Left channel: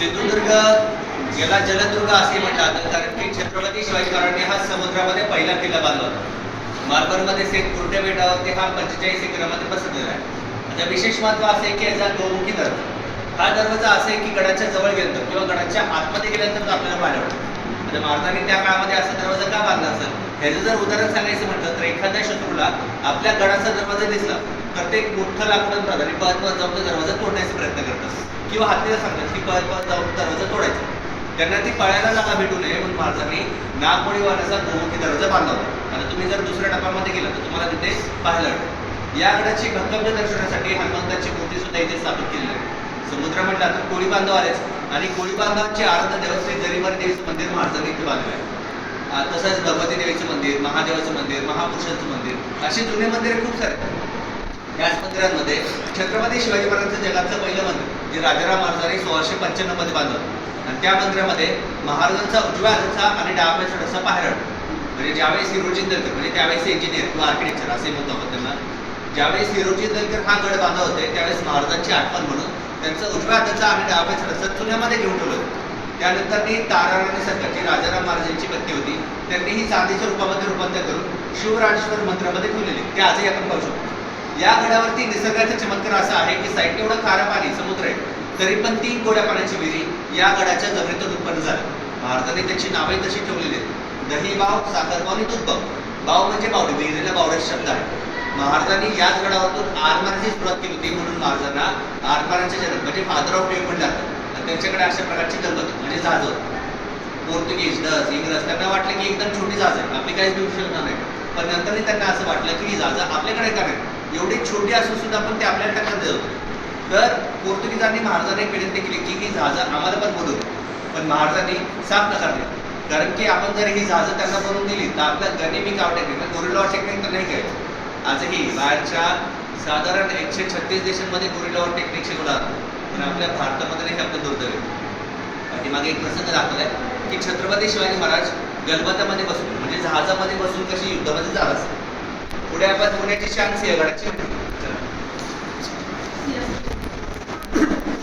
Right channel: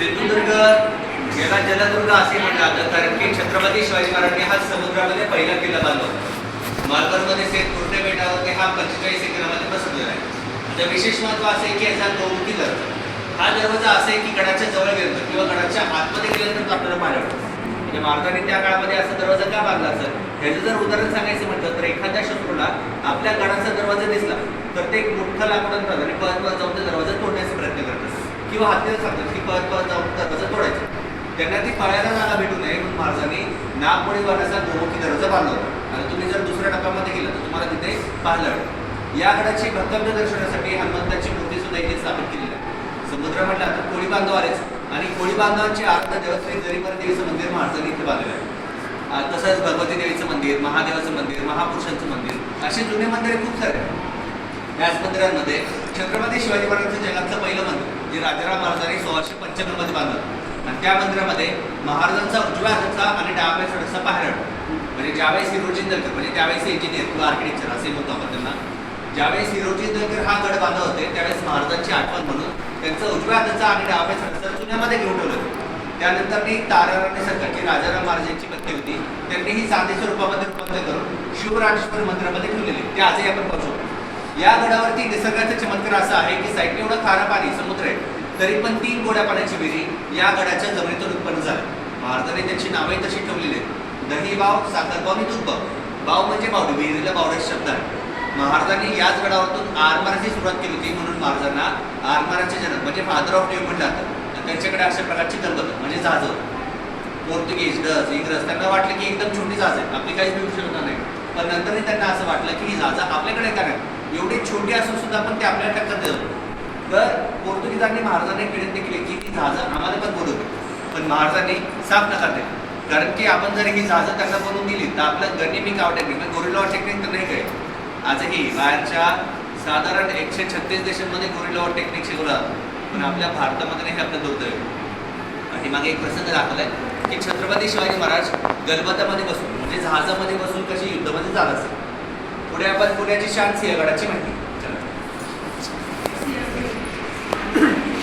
सिंधुदुर्ग याला जलदुर्ग असे म्हणतात, कारण की छत्रपती शिवाजी महाराजांनी हा समुद्रामध्ये पहिला किल्ला बांधला होता. मालवणमध्ये सेट कुर्टे बेटावरती हा 45 एकरामध्ये पसरलेला आहे. म्हणजे विशेष महत्व असे आहे की याचा गौमुखी दरवाजा, हा दरवाजा असे की गडाच्या जवळ गेल्यानंतर किंवा गडाच्या आतमध्ये गेल्यानंतर आपल्याला पाहायला पडतो. म्हणजे महाराजांनी त्या काळामध्ये असा दरवाजा का बांधला असेल, ह्याचं जर उदाहरण सांगायचं म्हटलं तर एखाद्या शत्रूला आपल्या गडाचा दरवाजा दिसला तर ते एक मोठं लाकूड आणतात आणि पळत जाऊन ते दरवाजा तोडण्याचा प्रयत्न करतात, किंवा हत्तीला सांगतात की पळत जाऊन दरवाजा तोडायचा. त्यांना ती पळायला जागा भेटू नये म्हणून महाराजांनी नागमोडी वाण्याचा गोमुखी दरवाजा बांधला होता. आणि तुम्ही जर दुसऱ्या टप्प्यामध्ये गेलं तर तुम्हाला तिथे पाहायला मिळेल. या गडाची भक्कमता दर्शवण्यासाठी हनुमंताची मूर्ती सुद्धा इथे स्थापित केलेली आहे. समुद्र म्हटलं तर कोळी बांधव आलेच, आणि कोळी बांधवांचे आराध्य देवस्थ जरीमार देवीचं मंदिर महाराजांनी इथे बांधलं आहे. तसंच भगवती देवीचं मंदिर, महादेवाचं मंदिर, महापुरुषांचं मंदिर, अशी जुने मंदिरे खूप सारे. याच मंदिरांमध्ये छत्रपती शिवाजी महाराजांचं जगातलं पहिलं मंदिर जे राजाराम महाराजांनी 1695 मध्ये बांधलं. आणि त्या मंदिरामध्ये महाराजांचा उजव्या हाताचा आणि डाव्या हाताचा पायऱ्या, म्हणजे ज्यावेळेस हिरोजी दलकर, म्हणजे त्यावेळेस इंजिनियर किंवा आर्किटेक्चर असे म्हणतो आपण त्यांना, ज्यावेळेस हिरोजी दलकर हा गड बांधत होते त्यावेळेस महाराजांची आठवण म्हणून त्यांचं उजव्या हाताचा आणि डाव्या हाताचा चुन्यामध्ये घेऊन ठेवलं. त्यानंतर ती ताराराणी सरकारची राजाराम महाराजांची पत्नी होती, त्यांनी ही चांदीच्या रूपामध्ये रूपांतर करून शिवराजेश्वर मंदिरामध्ये ठेवलेली, ते आजही आपण पाहू शकतो. या गडावरती निसर्गाचा चमत्कार असा आहे की साईडने एवढं खारं पाणी समुद्र आहे, तरी पण 3 गोड्या पाण्याची विहिरी या गडाच्या जमिनीतून उत्पन्न झाली. महाराजांनी त्यांची नावे तशी ठेवलेली आहेत, दही बाव, साखर बाव आणि दूध बाव. बाव म्हणजे बावडी, विहिरीला बावड्याचा शब्द आहे. महाराजांनी याच गडावरतून आरमाराची सुरुवात केली होती, म्हणून महाराजांना आरमाराचे जनक म्हणजे फादर ऑफ नेव्ही म्हणतात. त्यांच्याकडे अशा प्रकारची कल्पना म्हणजे जहाज. पोर्तुगीज, डच, इंग्रज त्यांना वाटलं की एकदम छोटी जहाज आहे, आपली काहीच देऊ शकणार नाही. पण नंतरही त्यांना असं वाटलं की ही जहाज आपल्याकडे का नाही, एवढी छोटी असून सुद्धा पण ते आपल्या टक्कर देत होते. तर पोर्तुगीजांनी महाराजांनी विनंती केली की ही जहाज आम्हाला पण बोलवू, पण महाराजांनी साफ नकार दिला. कारण की आपण जर ही जहाज त्यांना बनवून दिली तर आपलं गनिमी काव टेक्निक, गोरिल्ला टेक्निक तर नाही काय. आजही बाहेरच्या साधारण 136 देशांमध्ये गोरिल्ला टेक्निक शिकवतात, पण आपल्या भारतामध्ये नाही. आपलं दुर्दैव आहे. मागे एक प्रसंग दाखवलाय की छत्रपती शिवाजी महाराज गलबतामध्ये बसून, म्हणजे जहाजामध्ये बसून कशी युद्धामध्ये जात असतात. पुढे आपण पुण्याची शान सिंहगडाची म्हटली,